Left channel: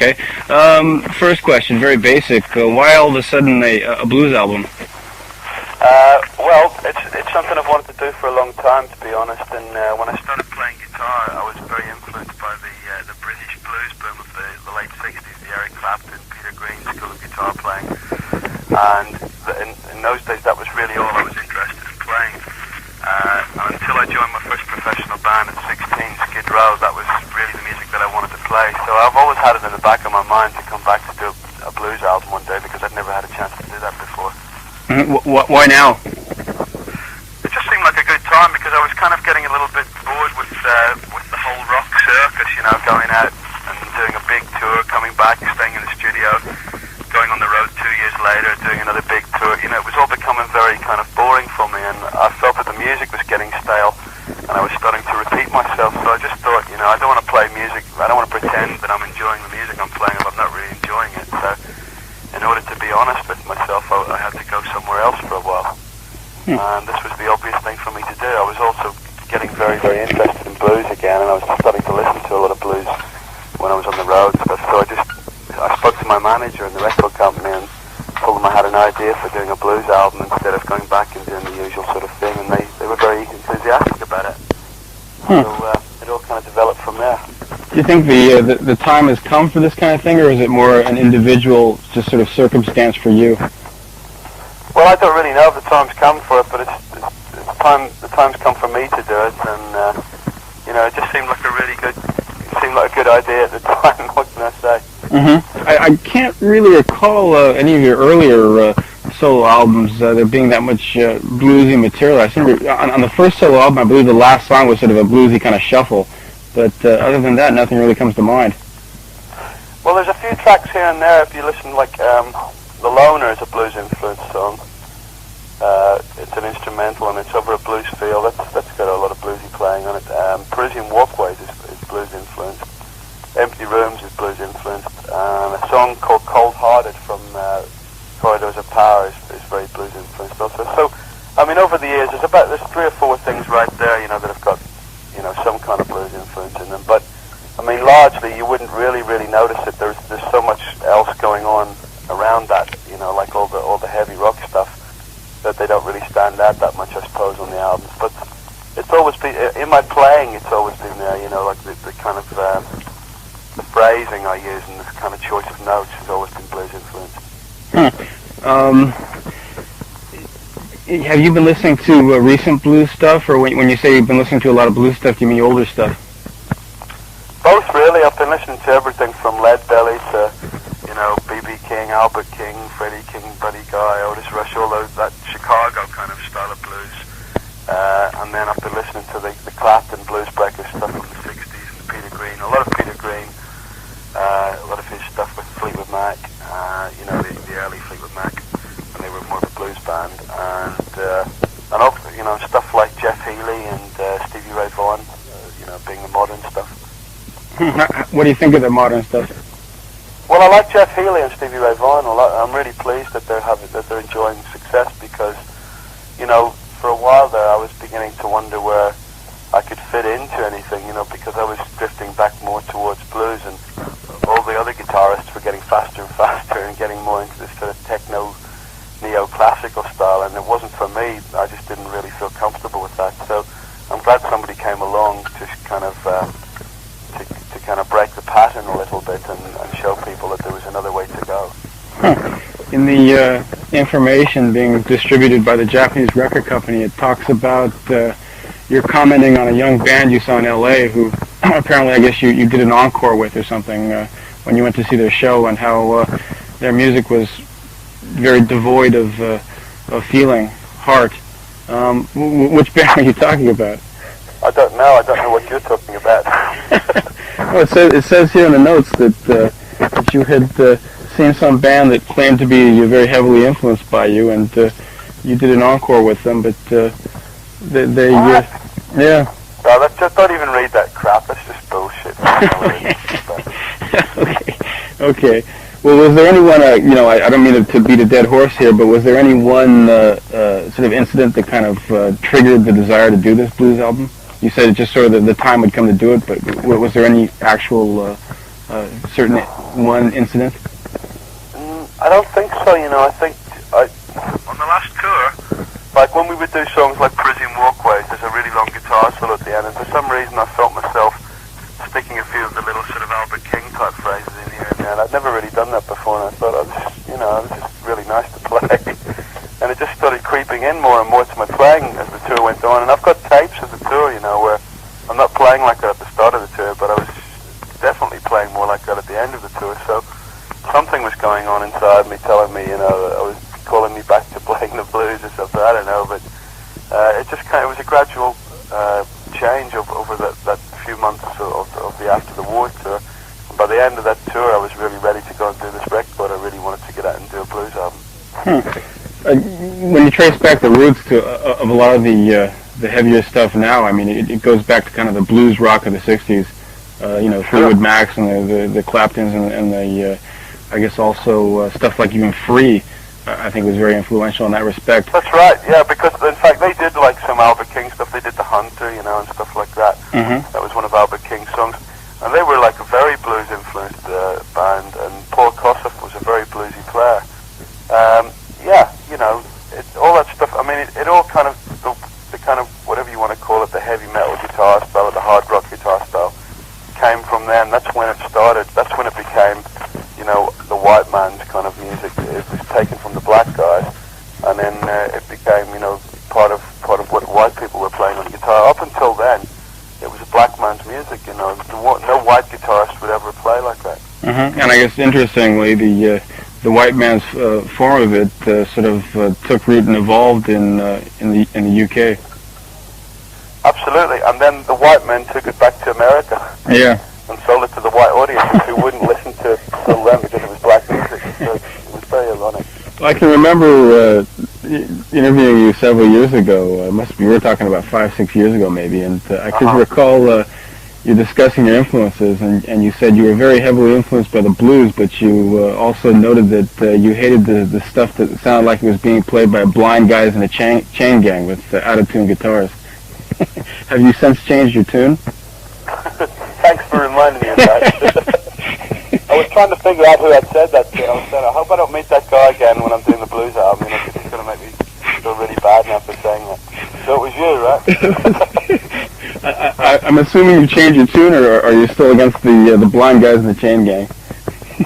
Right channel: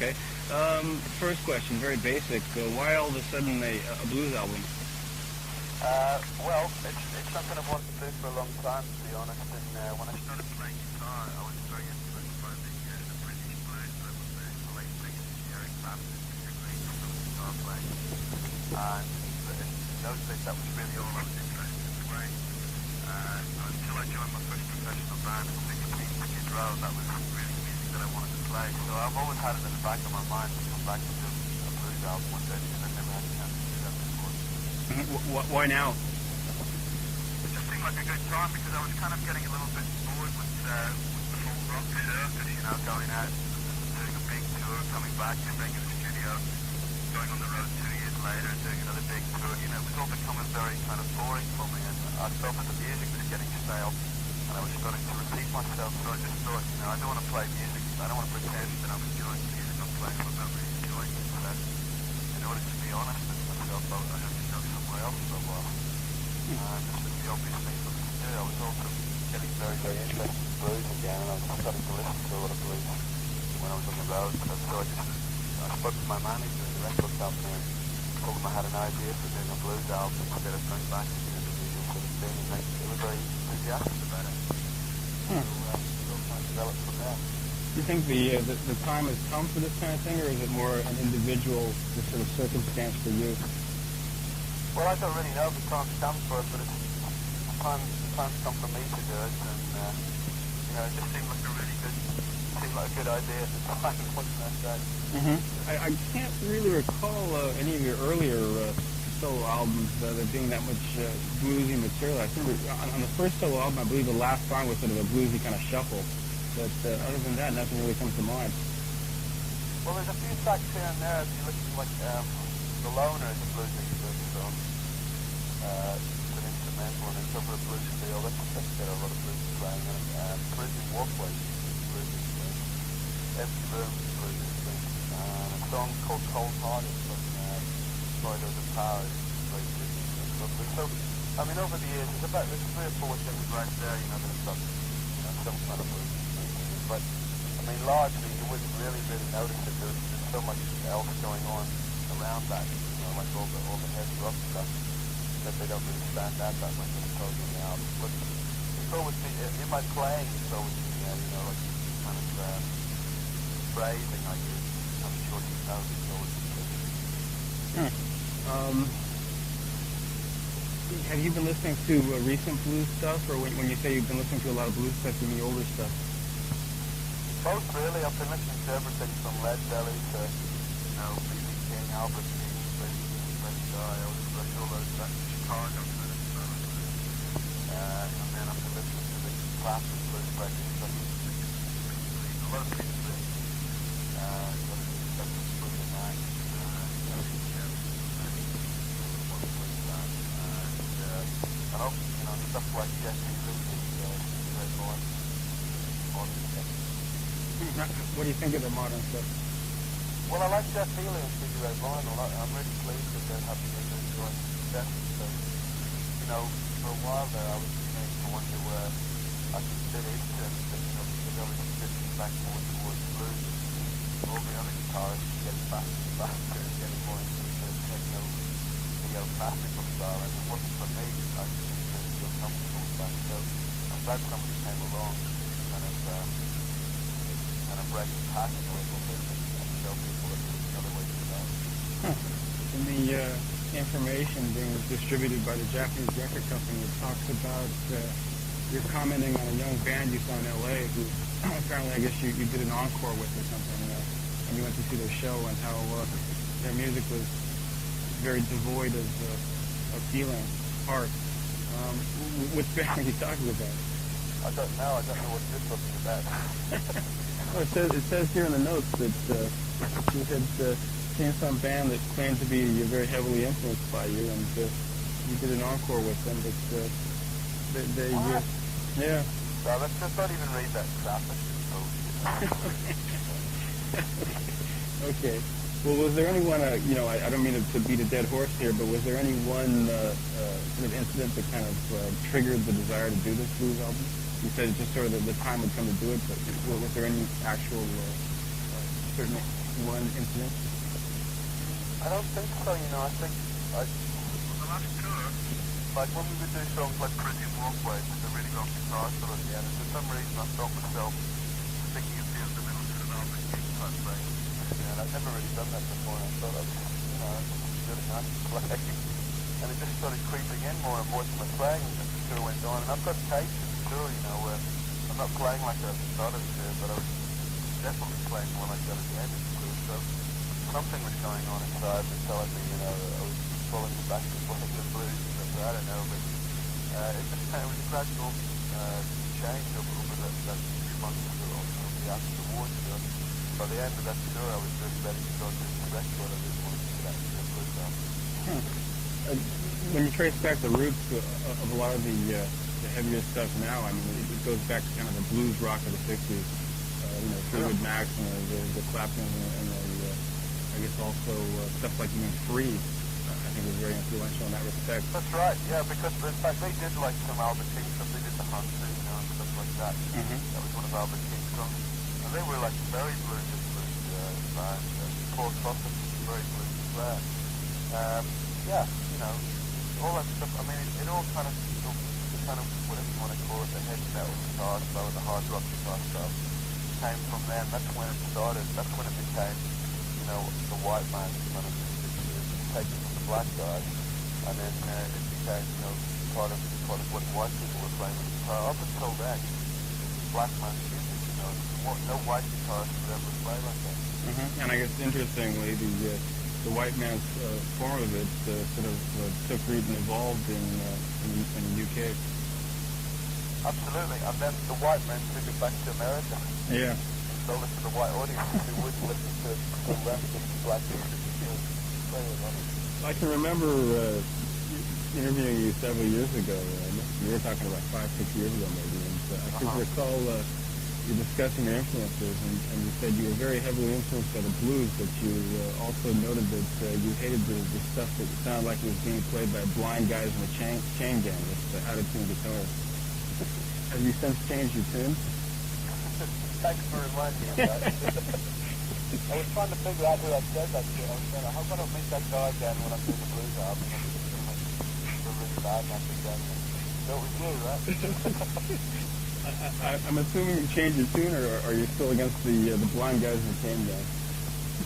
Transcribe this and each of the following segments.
Okay. First question, very basic. Why all of a sudden a blues album? Well, it's something I've wanted to do for a long time, to be honest. And when I started playing guitar, I was very influenced by the British blues boom of the late '60s, the Eric Clapton, Peter Green school of guitar playing. And in those days, that was really all I was interested in playing. Until I joined my first professional band at 16, Skid Row, that was really the music that I wanted to play. So I've always had it in the back of my mind to come back to do a blues album one day, because I'd never had a chance to do that before. Why now? It just seemed like a good time, because I was kind of getting a little bit bored with the whole rock circus, you know, going out and doing a big tour, coming back, staying in the studio, going on the road 2 years later, doing another big tour. You know, it was all becoming very kind of boring for me, and I felt that the music was getting stale, and I was starting to repeat myself. So I just thought, you know, I don't want to play music, I don't want to pretend that I'm enjoying the music I'm playing if I'm not really enjoying it. So in order to be honest with myself, I had to go somewhere else for a while. And this was the obvious thing for me to do. I was also getting very, very interested in blues again, and I was starting to listen to a lot of blues when I was on the road and stuff. So I spoke to my manager in the record company and told them I had an idea for doing a blues album instead of going back and doing the usual sort of thing, and they were very enthusiastic about it. So it all kind of developed from there. Do you think the time has come for this kind of thing, or is it more an individual just sort of circumstance for you? Well, I don't really know if the time's come for it, but the time's come for me to do it, and you know, it just seemed like a good idea at the time. What can I say? I can't really recall any of your earlier solo albums there being that much bluesy material. I seem to, on the first solo album, I believe the last song was sort of a bluesy kind of shuffle, but other than that, nothing really comes to mind. Well, there's a few tracks here and there. If you listen, like The Loner is a blues-influenced song. It's an instrumental, and it's over a blues feel. That's got a lot of bluesy playing on it. Parisian Walkways is blues-influenced. Empty Rooms is blues-influenced. A song called Cold Hearted from Corridors of Power is very blues-influenced also. So, I mean, over the years, there's 3 or 4 things right there, you know, that have got, you know, some kind of blues influence in them. But, I mean, largely, you wouldn't really notice it. There's so much else going on around that, you know, like all the heavy rock stuff, that they don't really stand out that much, I suppose, on the albums. But it's always been, in my playing, it's always been there, you know, like the kind of, the phrasing I use and the kind of choice of notes has always been blues influenced. Have you been listening to recent blues stuff, or when you say you've been listening to a lot of blues stuff, do you mean older stuff? Both, really. I've been listening to everything from Lead Belly to, you know, B.B. King, Albert King, Freddie King, Buddy Guy, Otis Rush, all that Chicago kind of style of blues. And then I've been listening to the Clapton Blues Breakers stuff from the 60s, Peter Green, a lot of Peter Green, a lot of his stuff with Fleetwood Mac, you know, the early Fleetwood Mac, when they were more of a blues band, and also, you know, stuff like Jeff Healey and Stevie Ray Vaughan, you know, being the modern stuff. What do you think of the modern stuff? Well, I like Jeff Healey and Stevie Ray Vaughan a lot. I'm really pleased that they're enjoying success, because, you know, for a while there I was beginning to wonder where I could fit into anything, you know, because I was drifting back more towards blues, and all the other guitarists were getting faster and faster and getting more into this sort of techno, neo-classical style, and it wasn't for me. I just didn't really feel comfortable with that. So I'm glad somebody came along to kind of break the pattern a little bit and show people that there was another way to go. In the information being distributed by the Japanese record company, it talks about you're commenting on a young band you saw in L.A. who apparently, I guess, you did an encore with or something when you went to see their show, and how their music was very devoid of feeling, heart. Which band are you talking about? I don't know what you're talking about. Well, it says here in the notes that you had seen some band that claimed to be very heavily influenced by you, and you did an encore with them, but they yeah. No, just don't even read that crap. That's just bullshit. Okay. Well, was there anyone, you know, I don't mean to beat a dead horse here, but was there any one sort of incident that kind of triggered the desire to do this blues album? You said it just sort of the time would come to do it, but was there any actual certain one incident? I don't think so, you know. I think on the last tour, like when we would do songs like Prison Walkways, there's a really long guitar solo at the end, and for some reason I felt myself sticking a few of the little sort of Albert King type phrases in here and there, and I'd never really done that before, and I thought it was just really nice to play. And it just started creeping in more and more to my playing as the tour went on, and I've got tapes of the tour, you know, where I'm not playing like that at the start of the tour, but I was definitely playing more like that at the end of the tour, so something was going on inside me telling me, you know, I was calling me back to playing the blues or something, I don't know, but it was a gradual change over that few months of the After the War tour. And by the end of that tour, I was really ready to go and do this record. I really wanted to get out and do a blues album. When you trace back the roots of a lot of the heavier stuff now, I mean, it goes back to kind of the blues rock of the 60s, you know, Fleetwood Macs and the Claptons and the, I guess also stuff like even Free, I think was very influential in that respect. That's right, yeah, because in fact they did like some Albert King stuff. They did The Hunter, you know, and stuff like that. Mm-hmm. That was one of Albert King's songs. And they were like a very blues-influenced band, and Paul Kossoff was a very bluesy player. Yeah, you know, all that stuff, I mean, it all kind of, the kind of, whatever you want to call it, the heavy metal guitar style or the hard rock guitar style, came from then. That's when it started. That's when it became, you know, the white man's kind of music. It was taken from the black guys, and then it became, you know, part of what white people were playing on guitar. Up until then, it was a black man's music, you know. No white guitarist would ever play like that. Mm-hmm. And I guess interestingly, the white man's form of it sort of took root and evolved in the UK. Absolutely, and then the white men took it back to America. Yeah. And sold it to the white audience who wouldn't listen to it till then because it was black music. So it was very ironic. I can remember interviewing you several years ago. We were talking about 5-6 years ago maybe, and I could recall you discussing your influences, and you said you were very heavily influenced by the blues, but you also noted that you hated the stuff that sounded like it was being played by blind guys in a chain gang with out-of-tune guitars. Have you since changed your tune? Thanks for reminding me of that. I was trying to figure out who had said that to. I was saying, I hope I don't meet that guy again when I'm doing the blues album. You know, because he's going to make me feel really bad now for saying that. So it was you, right? I'm assuming you changed your tune, or are you still against the blind guys in the chain gang?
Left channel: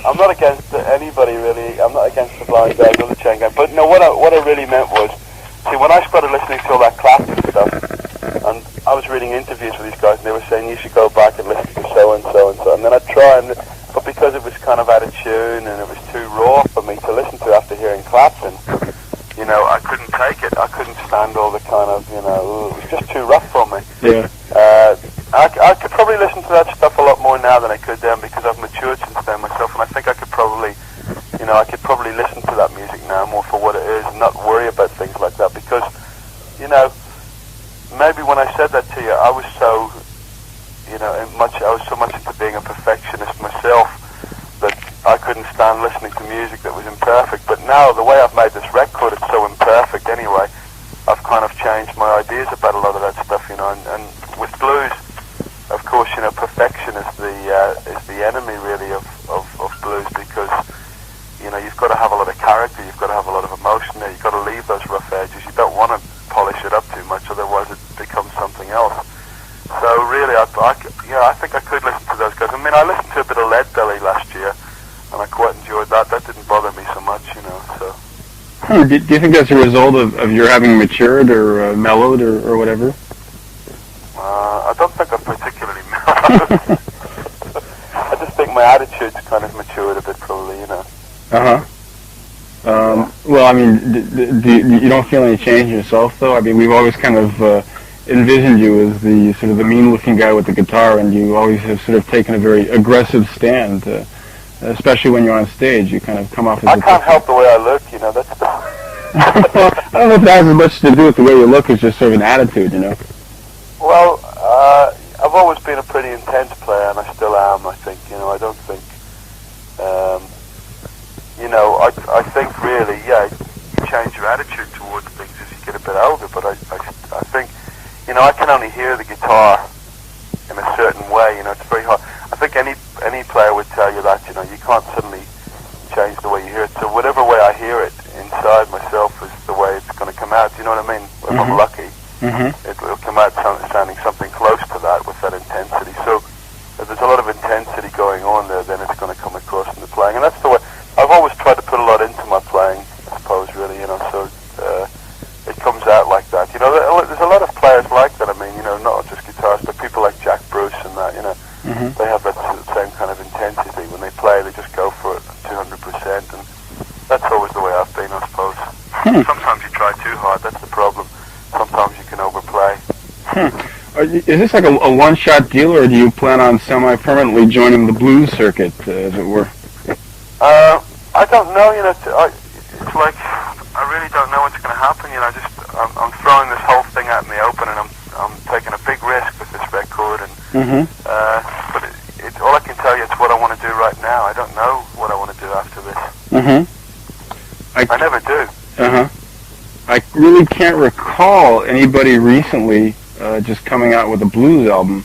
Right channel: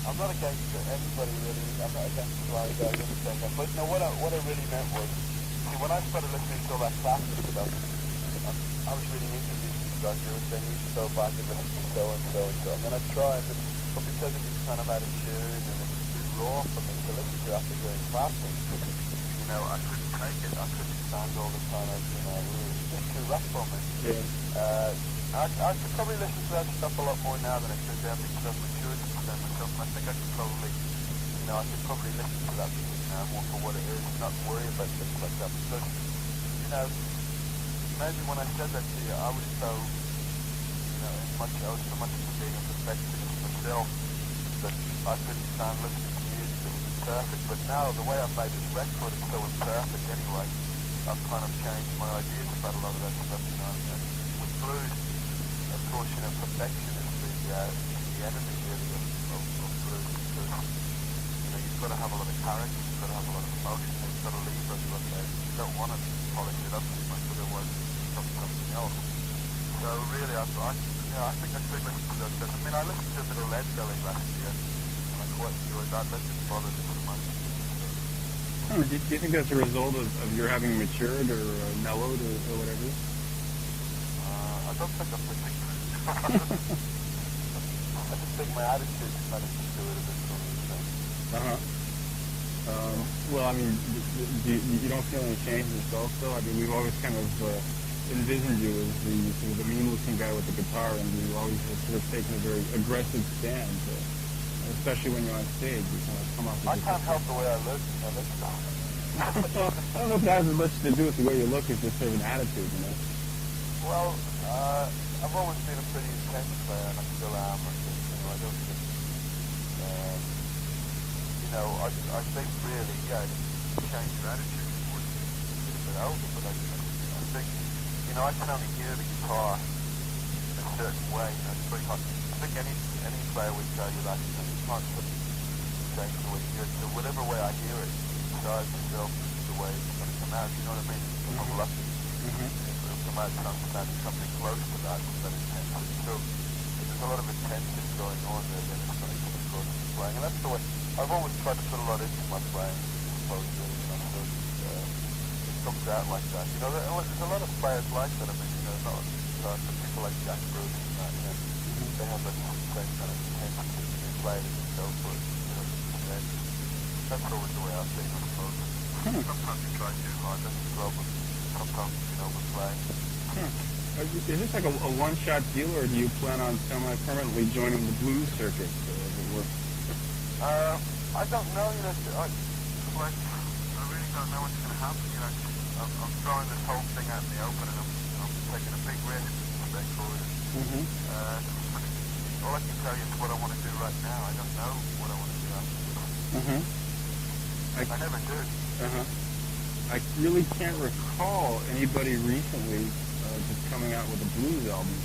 I'm not against anybody, really. I'm not against the blind guys or the chain gang. But no, what I really meant was, see, when I started listening to all that classic stuff, and I was reading interviews with these guys, and they were saying you should go back and listen to so and so and so, and then I'd try, but because it was kind of out of tune and it was too raw for me to listen to after hearing Clapton, you know, I couldn't take it. I couldn't stand all the kind of, you know, it was just too rough for me. Yeah. I could probably listen to that stuff a lot more now than I could then, because I've matured since then myself, and I think I could probably, you know, listen to that music now more for what it is and not worry about things like that, because, you know, maybe when I said that to you, I was so, you know, I was so much into being a perfectionist myself that I couldn't stand listening to music that was imperfect. But now, the way I've made this record, it's so imperfect anyway, I've kind of changed my ideas about a lot of that stuff, you know, and with blues, of course, you know, perfection is the enemy, really, of blues, because, you know, you've got to have a lot of character, you've got to have a lot of emotion there, you've got to leave those rough edges, you don't want to polish it up too much, otherwise it becomes something else. So really, I think I could listen to those guys. I mean, I listened to a bit of Leadbelly last year, and I quite enjoyed that. That didn't bother me so much, you know. So. Do you think that's a result of your having matured or mellowed or whatever? I don't think I'm particularly mellowed. I just think my attitude's kind of matured a bit, probably, you know. Well, I mean, you don't feel any change in yourself, though? I mean, we've always kind of envisioned you as the sort of the mean-looking guy with the guitar, and you always have sort of taken a very aggressive stand, especially when you're on stage. You kind of come off as I can't help the way I look, you know. That's the... I don't know if that has as much to do with the way you look as just sort of an attitude, you know. Well, I've always been a pretty intense player, and I still am, I think. You know, I don't think... you know, I think really, yeah, you change your attitude towards things as you get a bit older, but I think, you know, I can only hear the guitar in a certain way, you know, it's very hard. I think any player would tell you that, you know, you can't suddenly change the way you hear it. So whatever way I hear it inside myself is the way it's going to come out. Do you know what I mean? If I'm lucky, it'll come out sounding something close to that with that intensity. So if there's a lot of intensity going on there, then it's going to come across in the playing. And that's the way I've always tried to put a lot into my playing, I suppose, really, you know, so it comes out like that. You know, there's a lot of players like that. I mean, you know, not just guitarists, but people like Jack Bruce and that, you know, they have that same kind of intensity. When they play, they just go for it 200%, and that's always the way I've been, I suppose. Sometimes you try too hard, that's the problem. Sometimes you can overplay. Is this like a one-shot deal, or do you plan on semi-permanently joining the blues circuit, as it were? I don't know, you know, it's like, I really don't know what's going to happen, you know, I'm throwing this whole thing out in the open, and I'm taking a big risk with this record, and but all I can tell you is what I want to do right now. I don't know what I want to do after this. I never do. I really can't recall anybody recently just coming out with a blues album.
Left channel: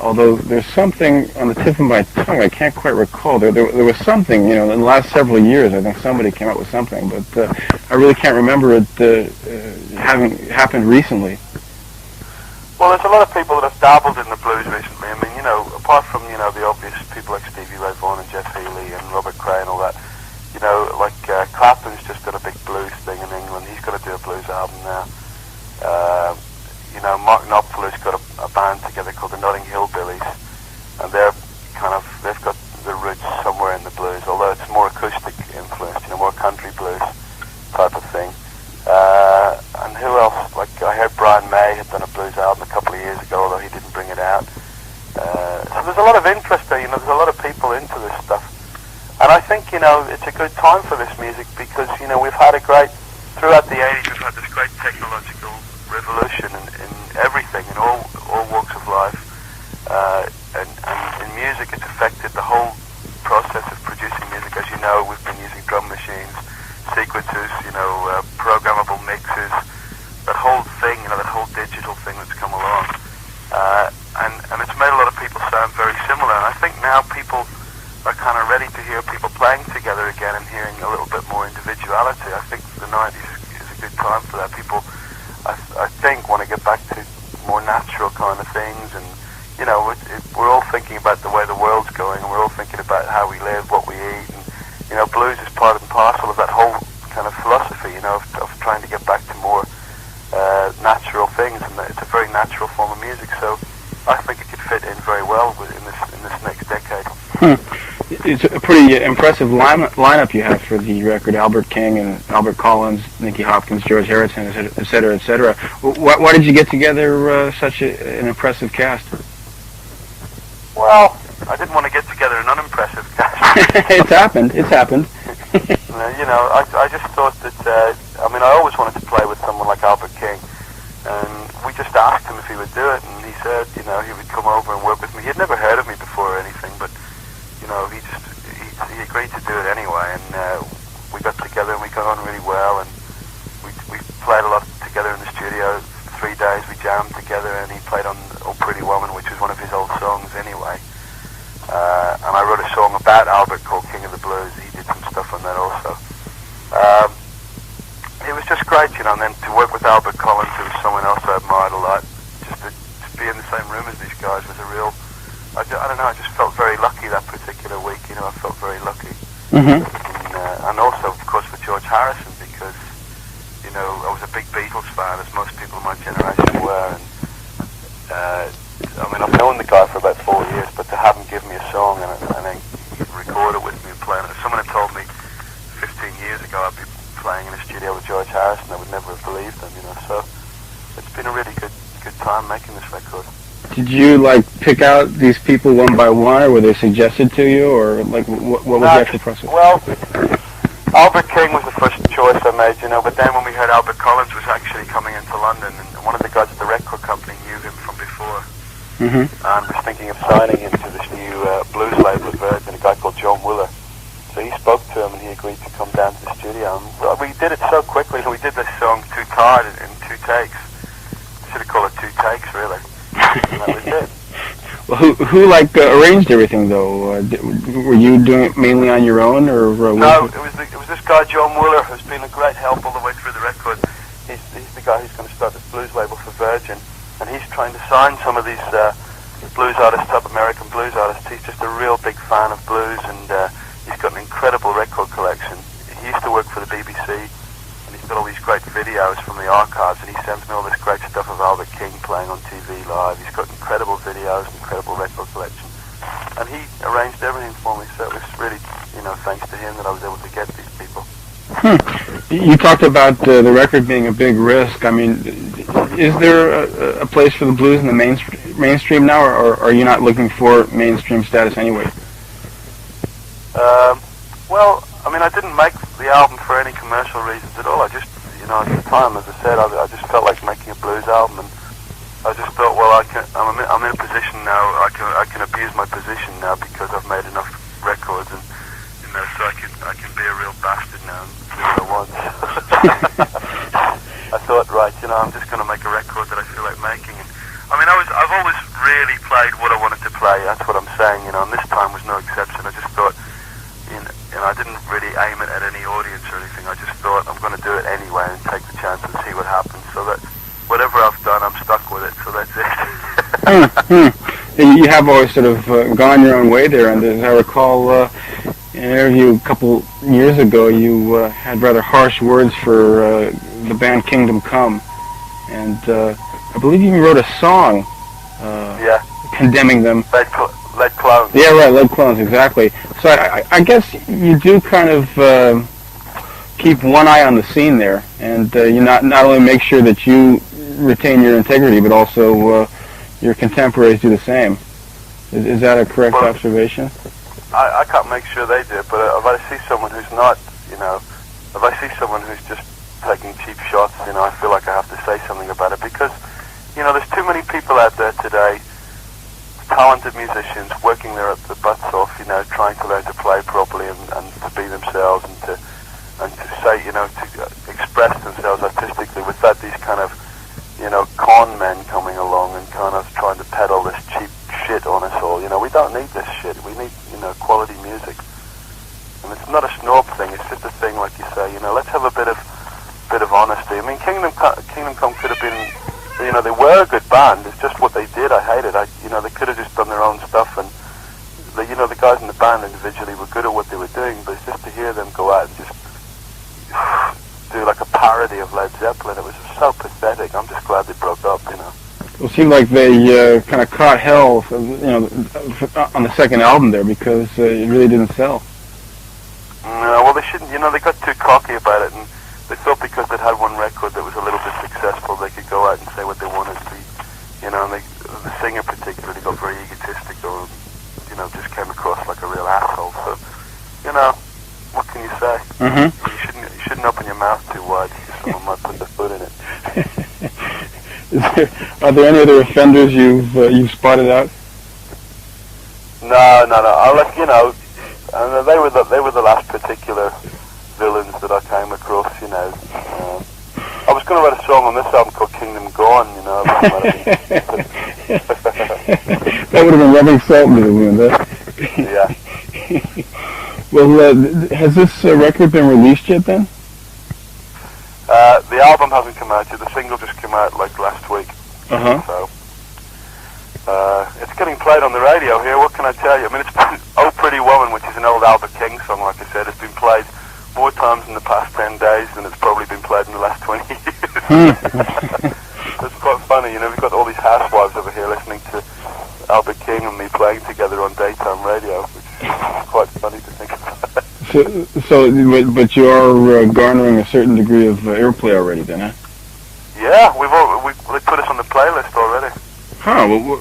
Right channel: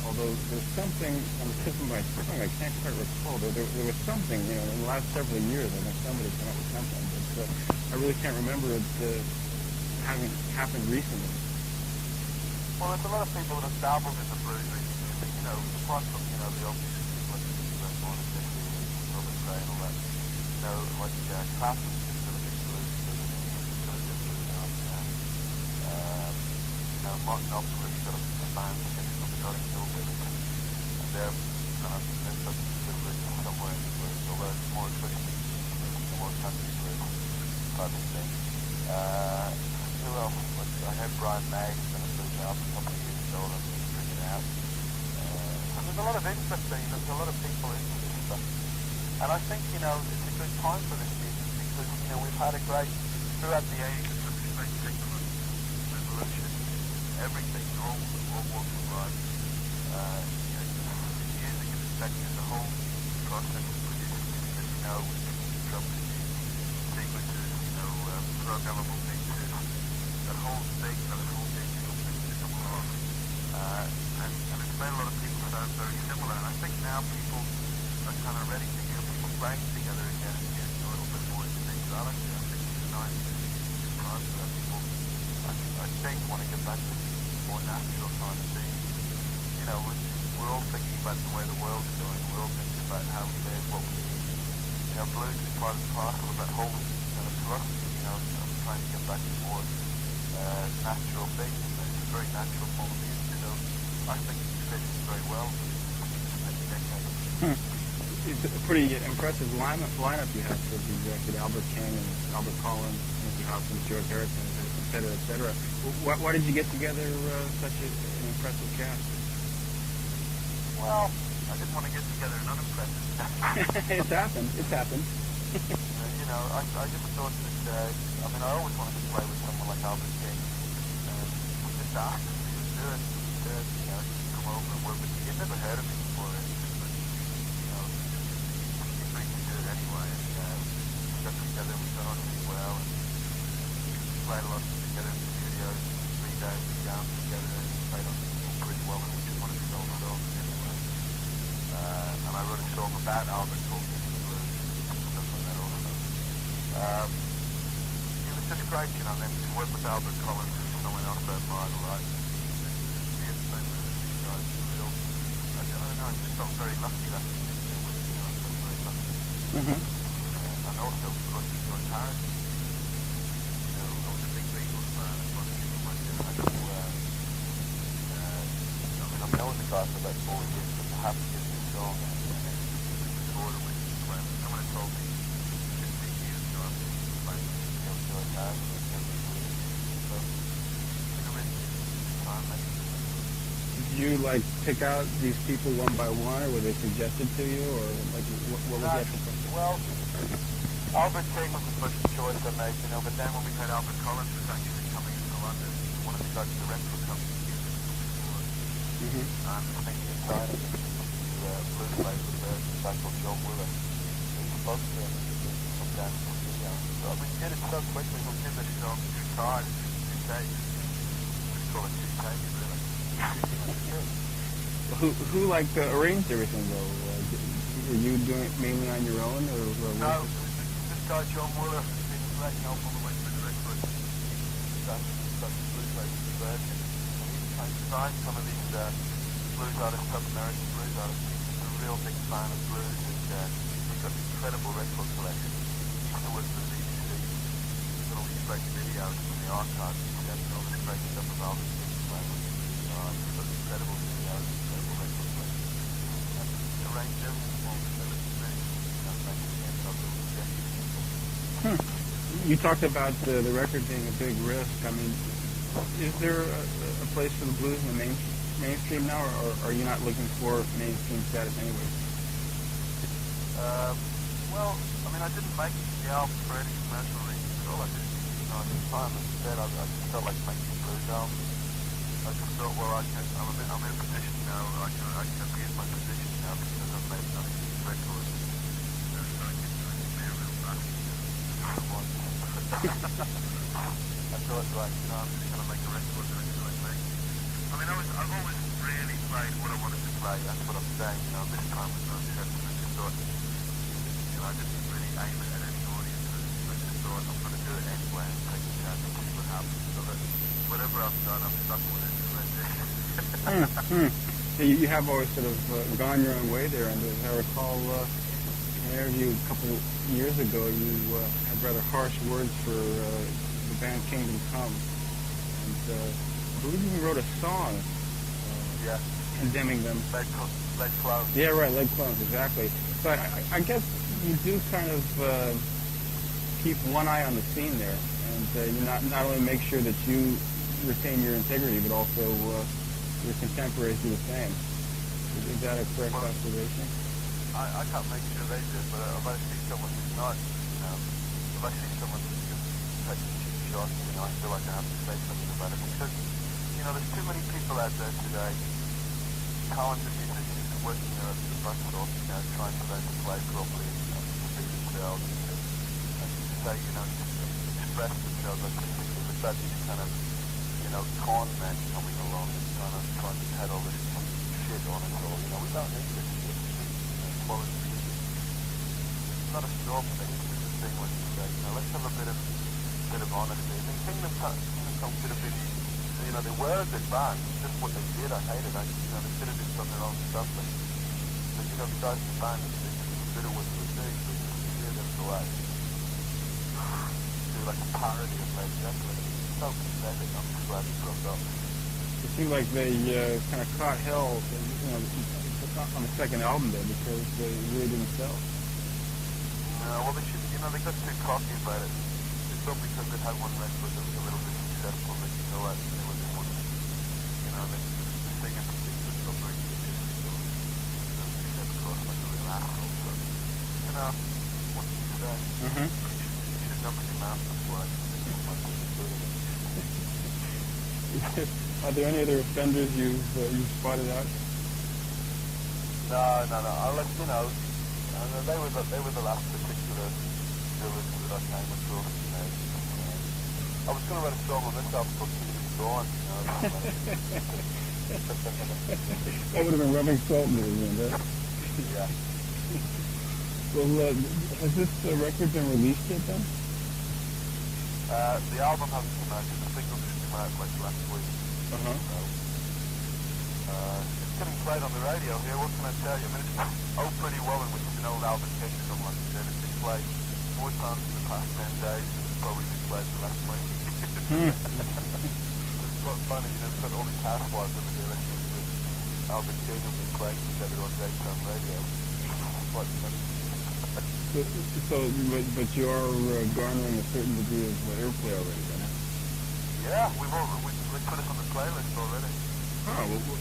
Although there's something on the tip of my tongue, I can't quite recall. There was something, you know, in the last several years. I think somebody came out with something, but I really can't remember it having happened recently. Well, there's a lot of people that have dabbled in the blues recently. I mean, you know, apart from, you know, the obvious people like Stevie Ray Vaughan and Jeff Healey and Robert Cray and all that, you know, like Clapton's just did a big blues thing in England. He's got to do a blues album now. You know, Mark Knopfler's got a band together called the Notting Hill Billies, and they've got the roots somewhere in the blues, although it's more acoustic influence, you know, more country blues type of thing. And who else? Like, I heard Brian May had done a blues album a couple of years ago, although he didn't bring it out. So there's a lot of interest there, you know, there's a lot of people into this stuff. And I think, you know, it's a good time for this music because, you know, we've had throughout the 80s, we've had this great technological revolution in everything, in all walks of life. And in music, it's affected the whole process of producing music. As you know, we've been using drum machines, sequencers, you know, programmable mixes, that whole thing, you know, that whole digital thing that's come along. And it's made a lot of people sound very similar. And I think now people are kind of ready to hear people playing together again and hearing a little bit more individuality. I think the 90s is a good time for that. People, I think, want to get back to more natural kind of things. And, you know, we're all thinking about the way the world's going, and we're all thinking about how we live, what we eat. And, you know, blues is part and parcel of that whole kind of philosophy, you know, of trying to get back to more natural things. And it's a very natural form of music. So I think it could fit in very well in this next decade. It's a pretty impressive lineup you have for the record. Albert King and Albert Collins, Nicky Hopkins, George Harrison, et cetera, et cetera. Why did you get together such an impressive cast? Well, I didn't want to get together an unimpressive cast. It's happened. You know, I just thought that, I mean, I always wanted to play with someone like Albert King. And we just asked him if he would do it, and he said, you know, he would come over and work with me. He had never heard of me before or anything, but, you know, he agreed to do it anyway, and we got together and we got on really well, and we played a lot together in the studio. 3 days we jammed together, and he played on Oh Pretty Woman, which was one of his old songs anyway. And I wrote a song about Albert called King of the Blues. He did some stuff on that also. It was just great, you know, and then to work with Albert Collins, who was someone else I admired a lot, just to be in the same room as these guys was a real, I don't know, I just felt very lucky that particular week, you know, I felt very lucky. And also, of course, with George Harrison, because, you know, I was a big Beatles fan, as most people in my generation were, and, I mean, I've known the guy for about 4 years, but to have him give me a song and then record it with me playing it, if someone had told me 15 years ago I'd be playing in a studio with George Harrison, I would never have believed them, you know, so it's been a really good time making this record. Did you, like, pick out these people one by one, or were they suggested to you, or, like, what was the actual process? Well, Albert King was the first choice I made, you know, but then when we heard Albert Collins was actually coming into London, and one of the guys at the record company knew him from before, and was thinking of signing him to this new blues label of Virgin, a guy called John Wooler. So he spoke to him, and he agreed to come down to the studio. And, well, we did it so quickly. We did this song Too Tired in 2 takes. Should have called it 2 takes, really. And that was it. Who like arranged everything though? Were you doing it mainly on your own, or no? It was this guy John Wooler, who's been a great help all the way through the record. He's the guy who's going to start this blues label for Virgin, and he's trying to sign some of these blues artists, top American blues artists. He's just a real big fan of blues, and he's got an incredible record collection. He used to work for the BBC, and he's got all these great videos from the archives, and he sends me all this great stuff of Albert King playing on TV live. He's got incredible videos, incredible record collection, and he arranged everything for me, so it was really, thanks to him that I was able to get these people. You talked about the record being a big risk. I mean, is there a place for the blues in the mainstream now, or are you not looking for mainstream status anyway? Well, I mean, I didn't make the album for any commercial reasons at all. I just, at the time, as I said, I just felt like making a blues album, and I just thought, well, I'm in a position now. I can abuse my position now because I've made enough records, and so I can be a real bastard now and do what I want. I thought, right, I'm just going to make a record that I feel like making. And I mean, I've always really played what I wanted to play. That's what I'm saying, and this time was no exception. I just thought, I didn't really aim it at any audience or anything. I just thought I'm going to do it anyway and take the chance and see what happens. So that whatever I've done, I'm stuck with it. So that's it. You have always sort of gone your own way there, and as I recall, in an interview a couple years ago, you had rather harsh words for the band Kingdom Come, and I believe you even wrote a song condemning them. Lead Clones. Yeah, right, Lead Clones, exactly. So I guess you do kind of keep one eye on the scene there, and you not only make sure that you retain your integrity, but also your contemporaries do the same. Is that a correct observation? I can't make sure they do, but if I see someone who's not, if I see someone who's just taking cheap shots, I feel like I have to say something about it, because, there's too many people out there today, talented musicians working their butts off, trying to learn to play properly and to be themselves and to say, to express themselves artistically without these kind of, con men coming along and kind of trying to peddle this cheap shit on us all. We don't need this shit. We need, quality music. And it's not a snob thing. It's just a thing, like you say. Let's have a bit of honesty. I mean, Kingdom Come could have been. They were a good band. It's just what they did. I hated. They could have just done their own stuff, and the guys in the band individually were good at what they were doing. But it's just to hear them go out and just do like a parody of Led Zeppelin. It was so pathetic. I'm just glad they broke up. Well, it seemed like they kind of caught hell, on the second album there, because it really didn't sell. No, well, they shouldn't. They got too cocky about it, and they thought because they'd had one record that was a little bit successful, they could go out and say what they wanted to be. And the singer particularly got very egotistical, and, just came across like a real asshole. So, what can you say? Mm-hmm. You shouldn't open your mouth too wide, because someone might put their foot in it. Are there any other offenders you've spotted out? No. I'll let they were the last particular villains that I came across. I was going to write a song on this album called Kingdom Gone. That would have been rubbing salt into the wound, huh? Yeah. Well, has this record been released yet then? The album hasn't come out yet. The single just came out like last week. Uh-huh. So it's getting played on the radio here. What can I tell you? I mean, it's been "Oh Pretty Woman," which is an old Albert King song. Like I said, it's been played more times in the past 10 days than it's probably been played in the last 20 years. It's quite funny. We've got all these housewives over here listening to Albert King and me playing together on daytime radio, which is quite funny to think about. But you are garnering a certain degree of airplay already, then, huh? Yeah, they put us on the playlist already. Huh? Well,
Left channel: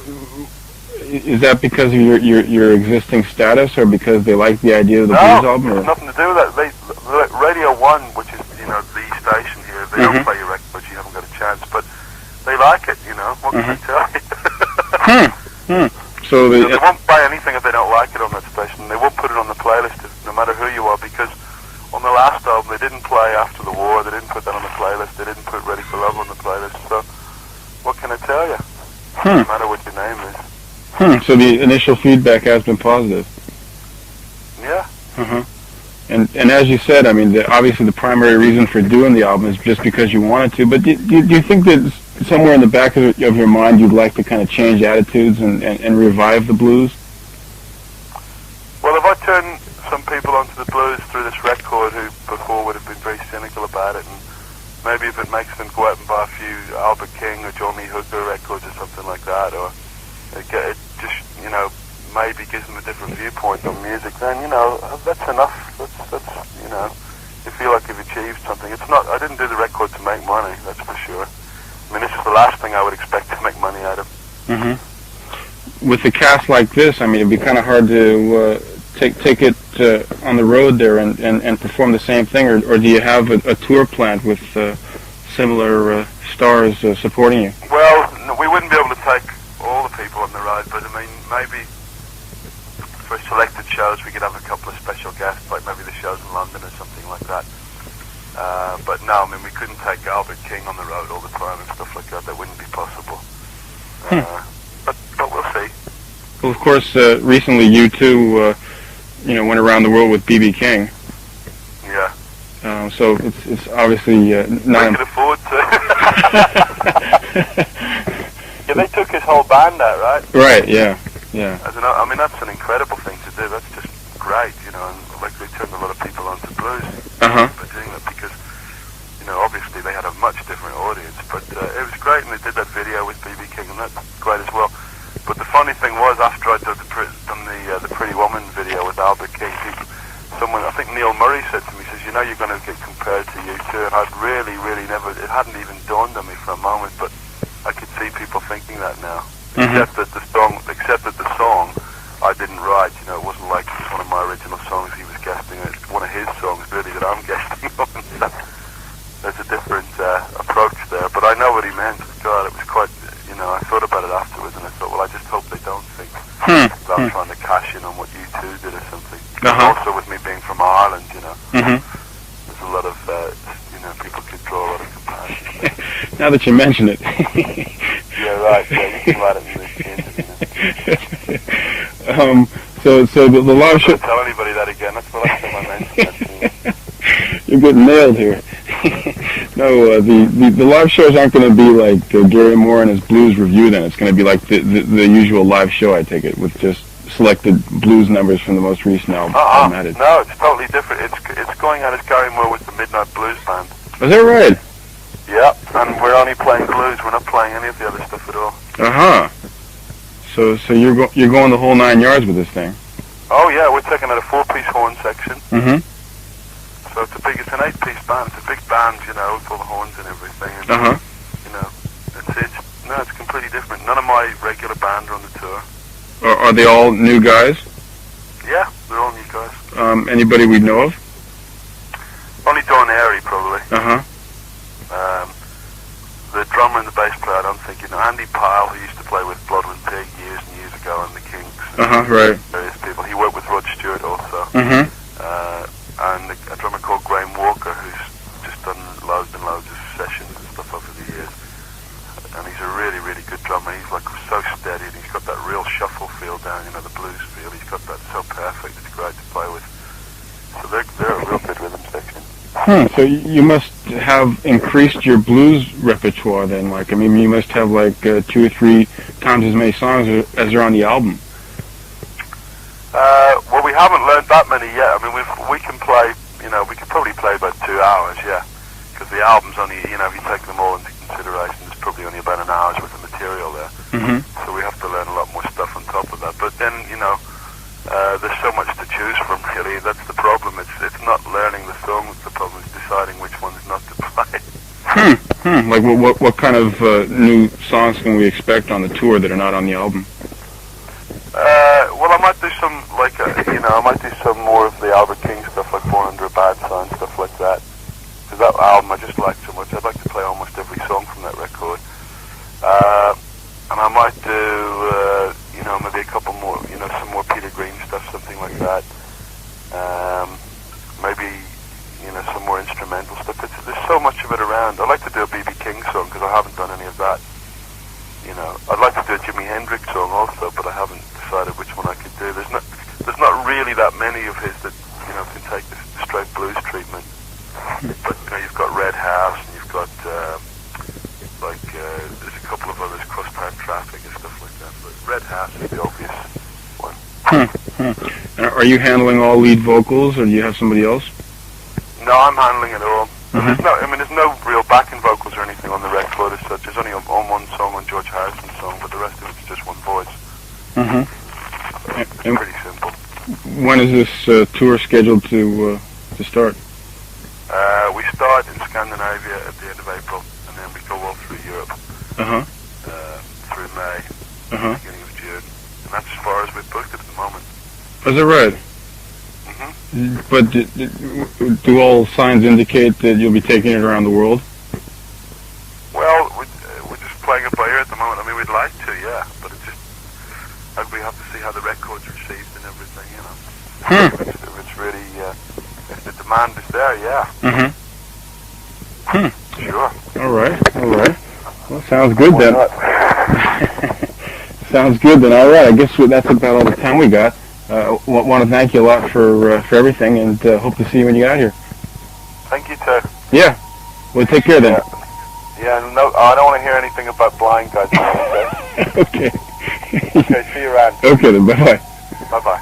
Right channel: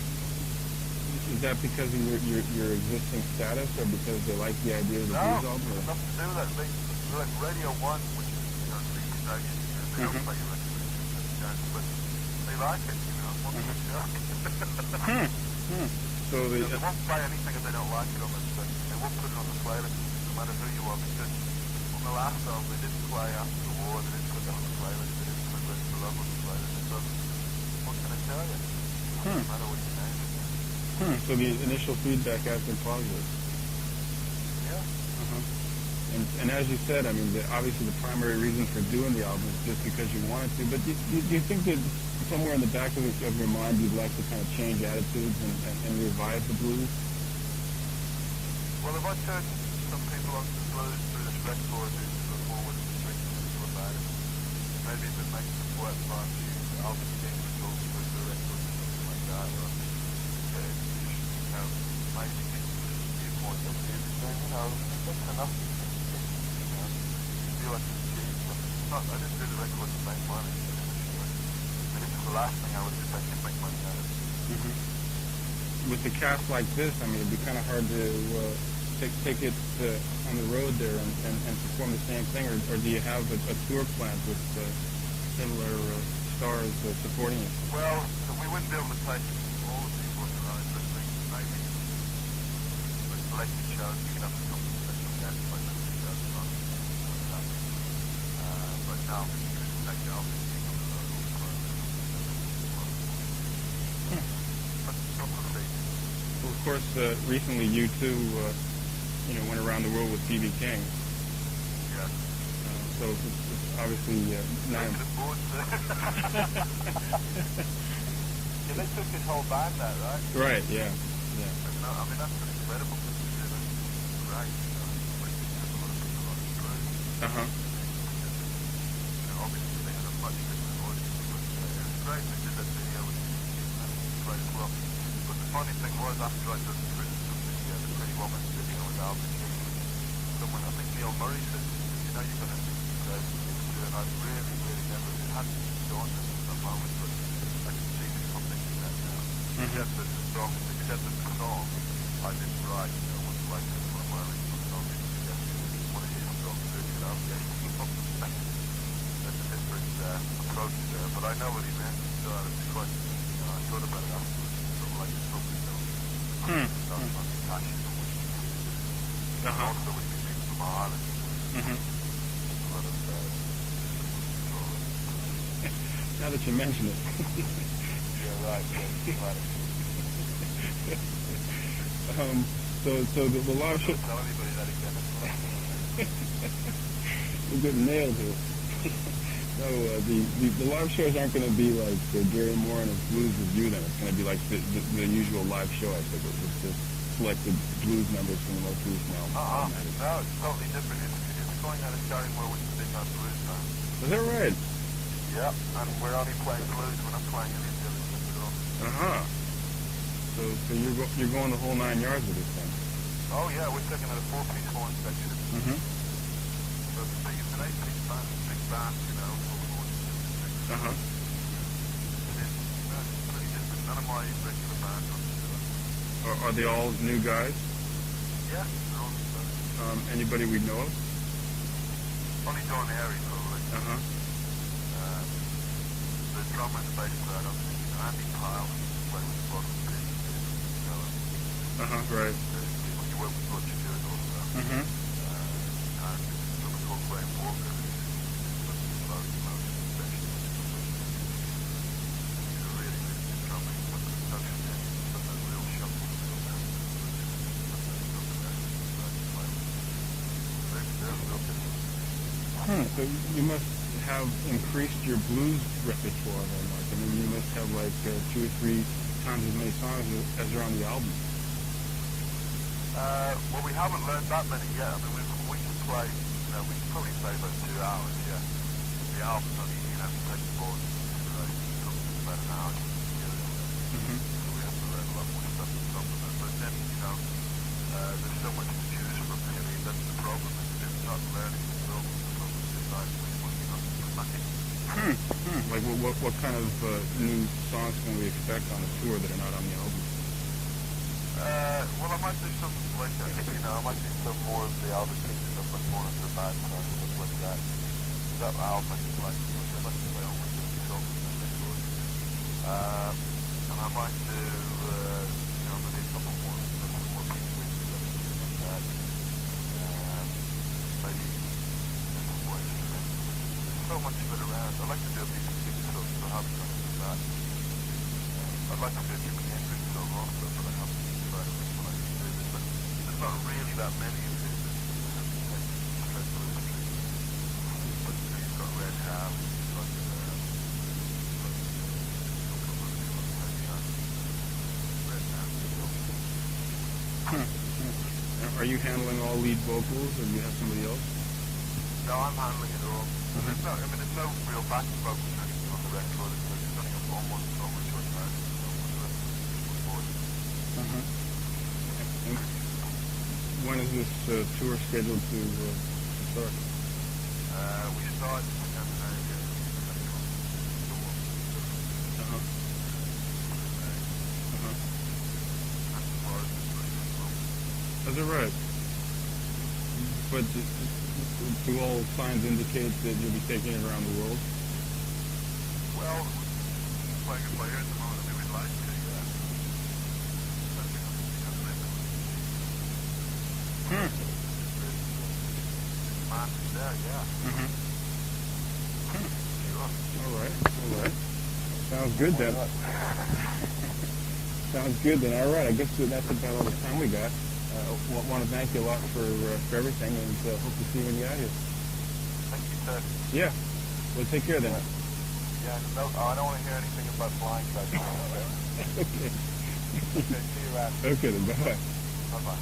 is that because of your existing status, or because they like the idea of the blues album? No, nothing to do with that. Radio 1, which is the station here, they don't play your records. You haven't got a chance, but they like it. What can I tell you? So they won't play anything if they don't like it on that station. They won't put it on the playlist, no matter who you are, because on the last album they didn't play After the War. They didn't put that on the playlist. They didn't put Ready for Love on the playlist. So what can I tell you? Doesn't matter what your name is. So the initial feedback has been positive. Yeah. Uh-huh. And as you said, I mean, obviously the primary reason for doing the album is just because you wanted to. But do you think that somewhere in the back of your mind you'd like to kind of change attitudes and revive the blues? Well, if I turn some people onto the blues through this record who before would have been very cynical about it, and maybe if it makes them go out and buy a few Albert King or Johnny Hooker records or something like that, or it just, you know, maybe gives them a different viewpoint on music, then, you know, that's enough. That's you know, you feel like you've achieved something. It's not, I didn't do the record to make money, that's for sure. I mean, this is the last thing I would expect to make money out of. Mm-hmm. With a cast like this, I mean, it'd be kind of hard to take it on the road there and perform the same thing, or do you have a tour planned with similar stars supporting you? Well, no, we wouldn't be able to take all the people on the road, but I mean, maybe for selected shows we could have a couple of special guests, like maybe the shows in London or something like that. But no, I mean, we couldn't take Albert King on the road all the time and stuff like that. That wouldn't be possible. But we'll see. Well, of course, recently you too, you know, went around the world with B.B. King. Yeah. So it's obviously not. We could afford to. Yeah, they took his whole band out, right? Right. Yeah. Yeah. I mean, that's an incredible thing to do. That's just great, you know. And like they turned a lot of people onto blues by doing that, because, you know, obviously they had a much different audience. But it was great, and they did that video with B.B. King, and that's great as well. But the funny thing was, after I'd done the Pretty Woman video with Albert King, someone, I think Neil Murray, said to me, he says, you know, you're going to get compared to U2, and I'd really never, it hadn't even dawned on me for a moment, but I could see people thinking that now. Except that the song I didn't write, you know, it wasn't like it was one of my original songs he was guesting, it's one of his songs really that I'm guesting on. There's a different approach there, but I know what he meant. God, it was quite, you know, I thought about it afterwards and I thought, well, I just hope they don't think that I'm trying to cash in on what U2 did or something. Also with me being from Ireland, you know, there's a lot of, you know, people could draw a lot of comparisons. Now that you mention it. Yeah, right, yeah, you can write it in the interview. So the live show... Don't tell anybody that again, that's the last time I mentioned that. You're getting nailed here. No, the live shows aren't going to be like Gary Moore and his blues review then. It's going to be like the usual live show, I take it, with just selected blues numbers from the most recent album. No, it's totally different. It's going out as Gary Moore with the Midnight Blues Band. Is that right? Yeah, and we're only playing blues. We're not playing any of the other stuff at all. So you're going the whole 9 yards with this thing. Oh yeah, we're taking out a 4-piece horn section. So it's an 8-piece band. It's a big band, you know, with all the horns and everything. And, you know, it's completely different. None of my regular band are on the tour. Are they all new guys? Yeah, they're all new guys. Anybody we know of? Only Don Airy, probably. The drummer and the bass player, I don't think you know. Andy Pyle, who used to play with Bloodwind Pig years and years ago, and the Kinks. Right. Various people. He worked with Rod Stewart also. And a drummer called Graham Walker, who's just done loads and loads of sessions and stuff over the years. And he's a really good drummer. He's like so steady, and he's got that real shuffle feel down, you know, the blues feel. He's got that so perfect. It's great to play with. So they're a real good rhythm section. So you must have increased your blues repertoire then. Like, I mean, you must have like 2 or 3 times as many songs as are on the album. Well, we haven't learned that many yet. I mean, we can play, you know, we could probably play about 2 hours, yeah. Because the album's only, you know, if you take them all into consideration, there's probably only about an hour's worth of material there. So we have to learn a lot more stuff on top of that. But then, you know, there's so much to choose from, really. That's the problem. It's not learning the songs. The problem is deciding which ones not to play. Like what kind of new songs can we expect on the tour that are not on the album? Well, I might do some, like, you know, I might do some more of the Albert King stuff, like Born Under a Bad Sign, stuff like that. Because that album I just like so much. I'd like to play almost every song from that record. And I might do, you know, maybe a couple more, you know, some more Peter Green stuff, something like that. Maybe, you know, some more instrumental stuff. There's so much of it around. I'd like to do a B.B. King song, because I haven't done any of that. I'd like to do a Jimi Hendrix song also, but I haven't decided which one I could do. There's not really that many of his that can take the straight blues treatment. But you've got Red House, and you've got there's a couple of others, Crosstown Traffic and stuff like that. But Red House is the obvious one. And are you handling all lead vocals, or do you have somebody else? No, I'm handling it all. There's no real backing vocals or anything on the record as such. There's only on one song, on George Harrison's song, but the rest of it's just one voice. It's pretty simple. When is this tour scheduled to start? We start in Scandinavia at the end of April, and then we go all through Europe through May, beginning of June, and that's as far as we've booked it at the moment. Is that right? But do all signs indicate that you'll be taking it around the world? Well, we're just playing it by ear at the moment. I mean, we'd like to, yeah, but it's just we have to see how the record's received and everything, If it's really, if the demand is there, yeah. Sure. All right. Well, sounds good then. Sounds good then. All right. I guess that's about all the time we got. Want to thank you a lot for everything, and hope to see you when you get out here. Thank you, too. Yeah. Well, take care then. Yeah. No, I don't want to hear anything about blind guys. Okay. Okay. See you around. Okay then. Bye bye. Bye bye.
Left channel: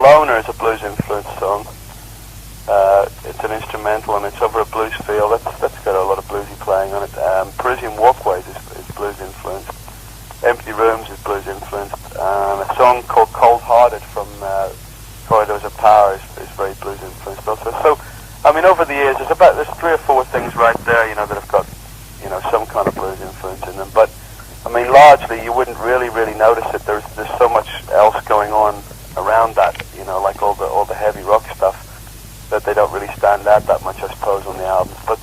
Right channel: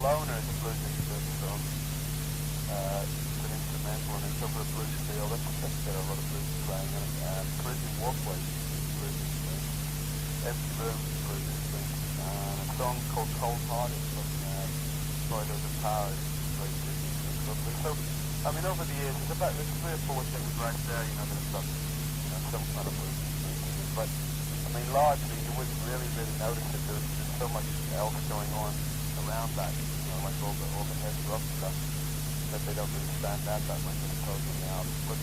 Loner is a blues influence song. It's an instrumental and it's over a blues feel. That's got a lot of bluesy playing on it. Parisian Walkways is blues influenced. Empty Rooms is blues influenced. A song called Cold Hearted from Corridors of Power is very blues influenced also. So, I mean, over the years, there's 3 or 4 things right there, that have got, some kind of blues influence in them. But, I mean, largely you wouldn't really notice it. There's so much else going on around that, like all the heavy rock stuff, that they don't really stand out that much, I suppose, on the albums. But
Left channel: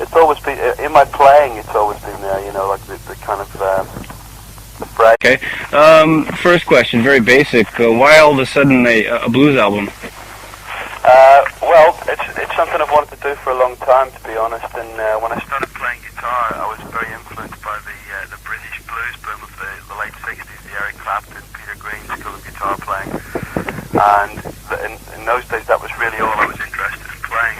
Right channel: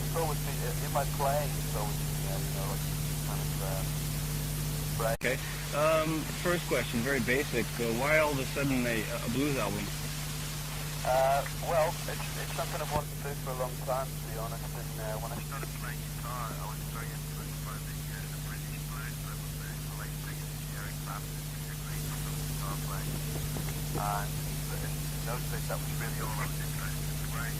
it's always been, in my playing, it's always been there, like the kind of, the phrase. Okay. First question, very basic. Why all of a sudden a blues album? Well, it's something I've wanted to do for a long time, to be honest. And when I started playing guitar, I was very influenced by the British blues boom of the late '60s, the Eric Clapton, Peter Green school of guitar playing. And in those days, that was really all I was interested in playing.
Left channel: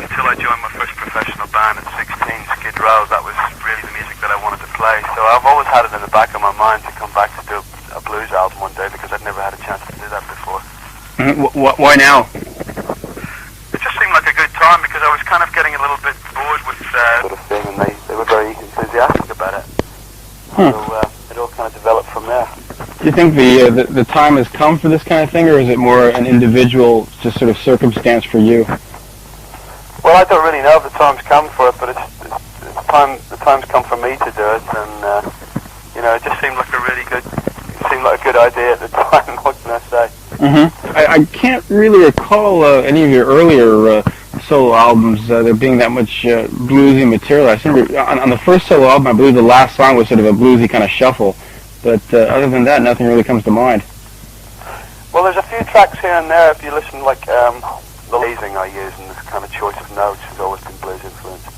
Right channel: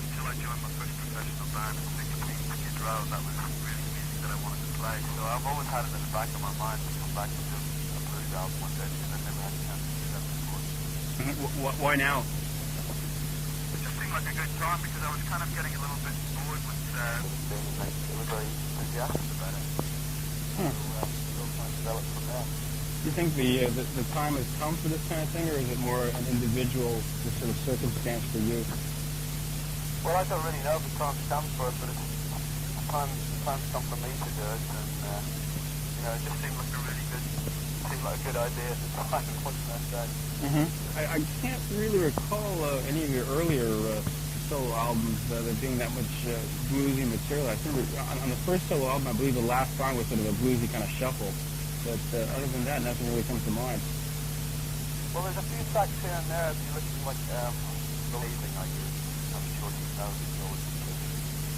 Until I joined my first professional band at 16, Skid Row, that was really the music that I wanted to play. So I've always had it in the back of my mind to come back to do a blues album one day, because I'd never had a chance to do that before. Why now? It just seemed like a good time, because I was kind of getting a little bit bored with sort of thing, and they were very enthusiastic about it. So it all kind of developed from there. Do you think the time has come for this kind of thing, or is it more an individual, just sort of circumstance for you? Well, I don't really know if the time's come for it, but the time's come for me to do it, and it just seemed like a good idea at the time. What can I say? I can't really recall any of your earlier solo albums there being that much bluesy material. I remember on the first solo album, I believe the last song was sort of a bluesy kind of shuffle, but other than that, nothing really comes to mind. Well, there's a few tracks here and there. If you listen, like the phrasing I use and this kind of choice of notes has always been blues influenced.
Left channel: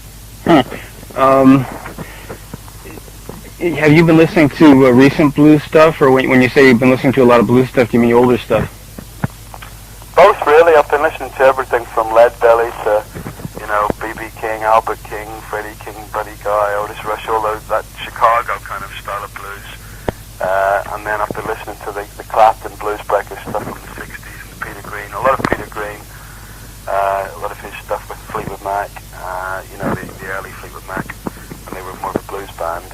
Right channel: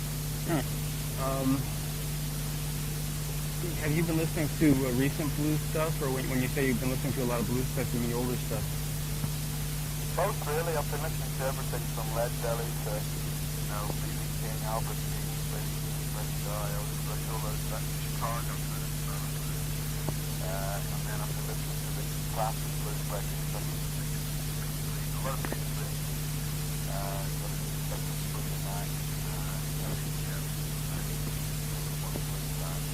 Have you been listening to recent blues stuff, or when you say you've been listening to a lot of blues stuff, do you mean older stuff? Both, really. I've been listening to everything from Leadbelly to, B.B. King, Albert King, Freddie King, Buddy Guy, Otis Rush, all that Chicago kind of style of blues. And then I've been listening to the Clapton Blues Breakers stuff from the 60s, Peter Green, a lot of Peter Green, a lot of his stuff with Fleetwood Mac, the early Fleetwood Mac, when they were more of a blues band,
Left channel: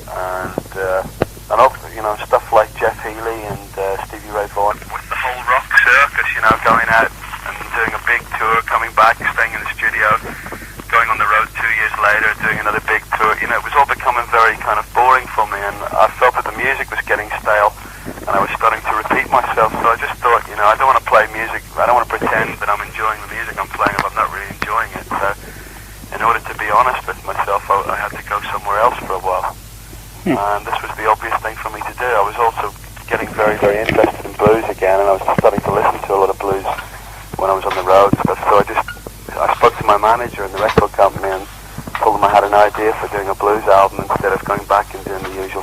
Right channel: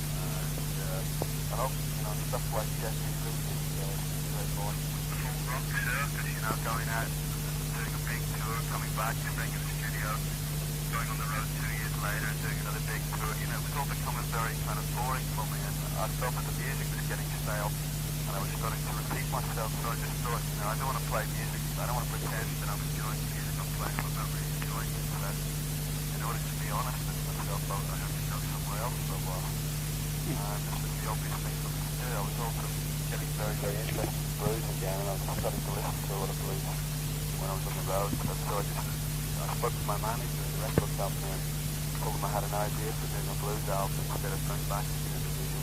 and also, stuff like Jeff Healey and Stevie Ray Vaughan. With the whole rock circus, going out and doing a big tour, coming back, staying in the studio, going on the road 2 years later, doing another big tour, it was all becoming very kind of boring for me, and I felt that the music was getting stale, and I was starting to repeat myself, so I just thought, I don't want to play music, I don't want to pretend that I'm enjoying the music I'm playing if I'm not really enjoying it, so in order to be honest with myself, I had to go somewhere else for a while. And this was the obvious thing for me to do. I was also getting very, very interested in blues again, and I was starting to listen to a lot of blues when I was on the road and stuff. So I spoke to my manager in the record company and told them I had an idea for doing a blues album instead of going back and doing the usual